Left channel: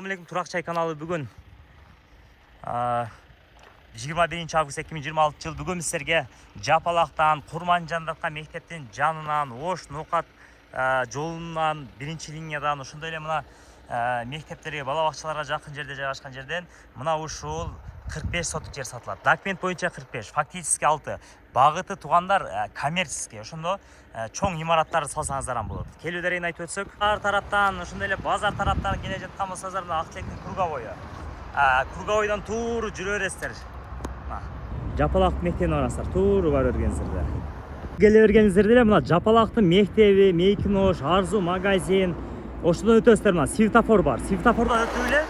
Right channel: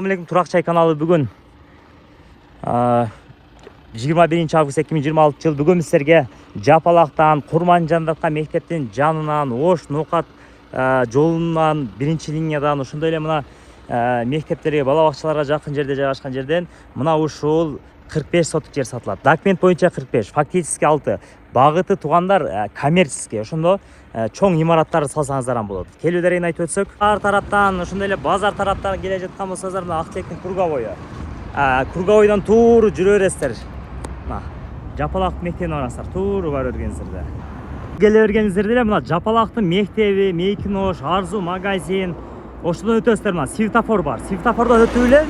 Assalamualaikum, Turak Çay kanalı бүгін 21 август 2026 жыл бүгін сіздерге Жапалақтан Курманжандатқа мектептің жанынан Ош Ноқат жолынан бірінші линиядан ошондой эле мына мектептерге балабакчаларга жакын жерде жайгашкан жерден мына ушул 45 соток жер сатылат. Документ боюнча 45, фактически 6. Багыты туугандар коммерческий. Ошондо чоң имараттарды салсаңыздар болот. Келүүдөрүн айтып өтсөк, ар тараптан ошондой эле базар тараптан келе жаткан болсоңуздар мына Актектин Кургабою. Кургабойдон тууру жүрө бересиздер. Мына Жапалак мектебине барасыздар, тууру бара бергенсиздер. Келе бергенсиздер эле мына Жапалактын мектеби, Мейкинош, Арзу магазин, ошондон өтөсүздөр. Мына светофор бар. Светофордон өтүп эле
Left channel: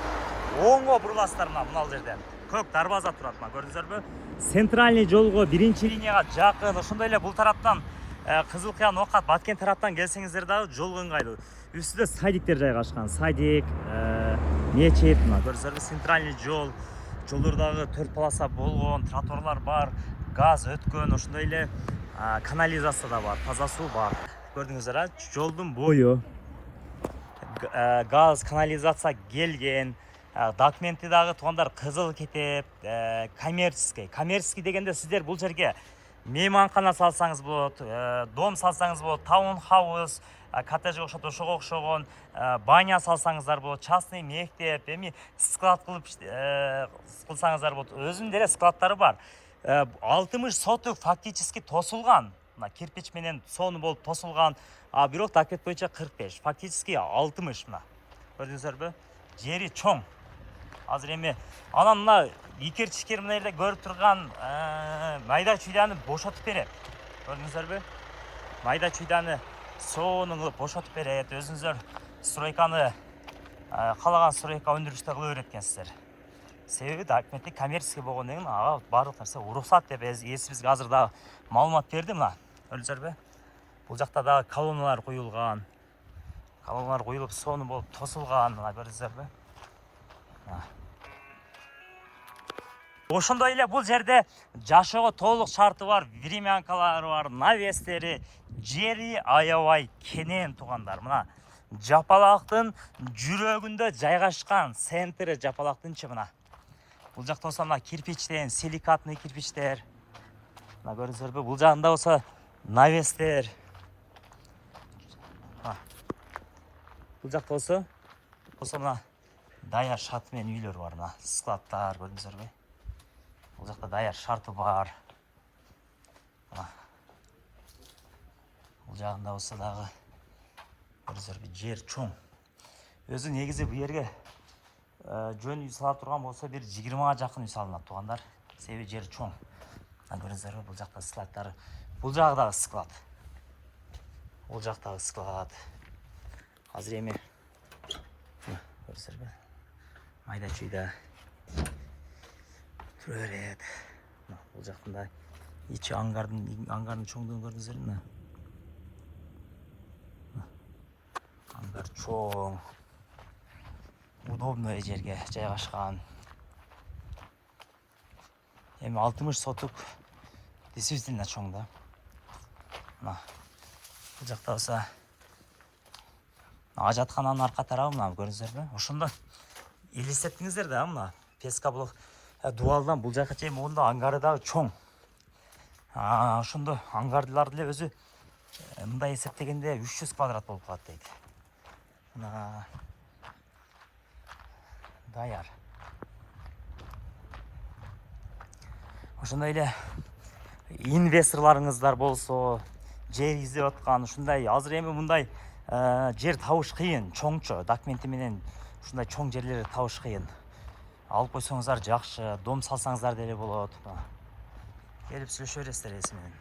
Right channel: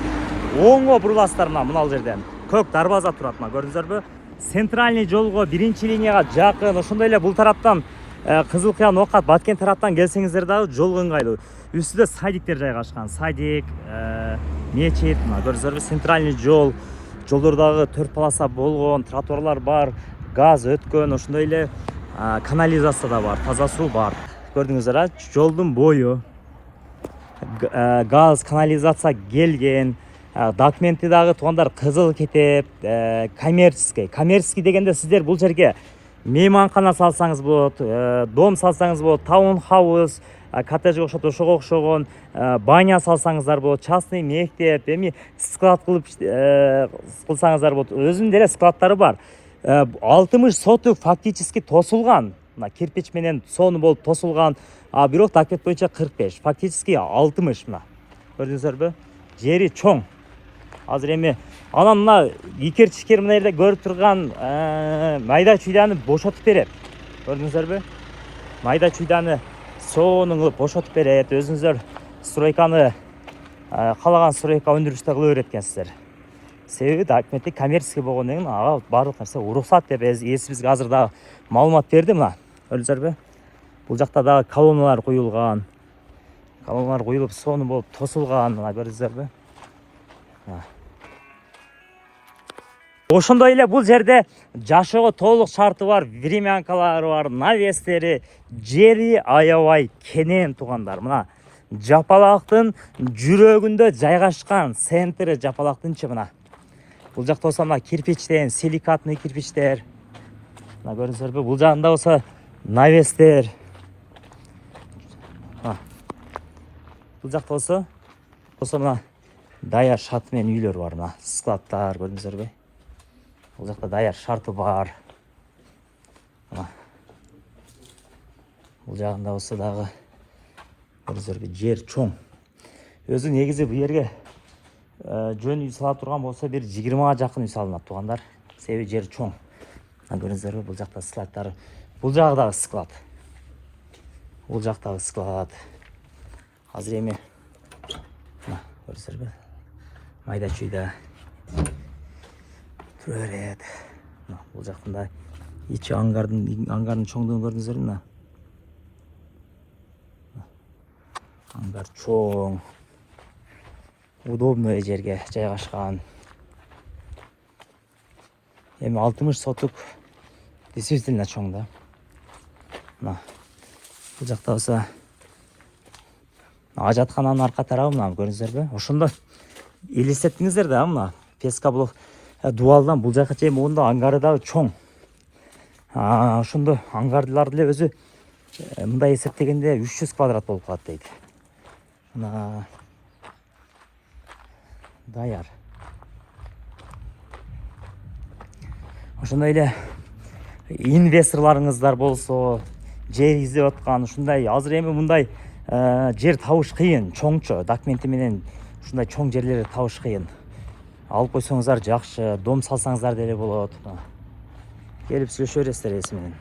оңго буруласыздар мына жерден. Көк дарбаза турат, мына көрдүңүздөрбү? Центральный жолго биринчи линияга жакын, ошондой эле бул тараптан Кызыл Кыя Нокат Баткен тараптан келсеңиздер дагы жол ыңгайлуу. Үстүдө садиктер жайгашкан. Садик, мечит, көрдүңүздөрбү? Центральный жол, жолдордагы 4 полоса болгон, тротуарлар бар, газ өткөн, ошондой эле канализация да бар, таза суу бар. Көрдүңүздөр, жолдун бою газ, канализация келген. Документи дагы туугандар кызыл кетип, коммерческий. Коммерческий дегенде сиздер бул жерге мейманкана салсаңыз болот, дом салсаңыз болот, таунхаус, коттеджге окшоп ошого окшогон баня салсаңыздар болот, частный мектеп, эми склад кылып кылсаңыздар болот. Өзүнүн деле складдары бар. 60 соток фактически тосулган. Мына кирпич менен сону болуп тосулган. А бирок документ боюнча 45, фактически 60 мына. Көрдүңүздөрбү? Жери чоң. Азыр эми анан мына икер-чикер мына жерде көрүп турган майда чуйданы бошотуп берет. Көрдүңүздөрбү? Майда чуйданы сонун кылып бошотуп берет. Өзүңүздөр стройканы калаган стройка өндүрүштө кыла берет экенсиздер. Себеби документи коммерческий болгондон кийин ага баардык нерсе уруксат деп бизге азыр дагы маалымат берди мына. Көрдүңүздөрбү? Бул жакта дагы колонналар куюлган. Колонналар куюлуп сону болуп тосулган, мына көрдүңүздөрбү? Ошондой эле бул жерде жашоого толук шарты бар, времянкалары бар, навестери, жери аябай кенен туугандар. Мына Жапалактын жүрөгүндө жайгашкан центри Жапалактынчы мына. Бул жакта болсо мына кирпичтен, силикатный кирпичтер. Мына көрдүңүздөрбү? Бул жагында болсо навестер. Бул жакта болсо мына даяр шарты менен үйлөр бар, мына складтар, көрдүңүздөрбү? Бул жакта даяр шарты бар. Бул жагында болсо дагы көрдүңүздөрбү? Жер чоң. Өзү негизи бул жерге жөн үй сала турган болсо бир 20га жакын үй салынат туугандар. Себеби жер чоң. Көрдүңүздөрбү? Бул жакта складтар. Бул жагы дагы склад. Бул жактагы склад. Азыр эми көрдүңүздөрбү? Майда чүйдө тура берет. Бул жактында ичи ангардын чоңдугун көрдүңүздөрбү? Мына ангар чоң, удобный жерге жайгашкан. Эми 60 соток действительно чоң да. Мына бул жакта болсо ажаткананын арка тарабы мына көрдүңүздөрбү? Ошондо элестеттиңиздер да, мына Пескоблок дуалдан бул жака чейин моунда ангары дагы чоң. Ошондо ангарлар деле өзү мындай эсептегенде 300 квадрат болуп калат дейт. Мына даяр. Ошондой эле инвесторларыңыздар болсо, жер издеп аткан, ушундай азыр эми мындай жер табыш кыйын, чоңчо документи менен ушундай чоң жерлерди табыш кыйын. Алып койсоңуздар жакшы, дом салсаңыздар деле болот. Келип сүйлөшө бересиздер эси менен.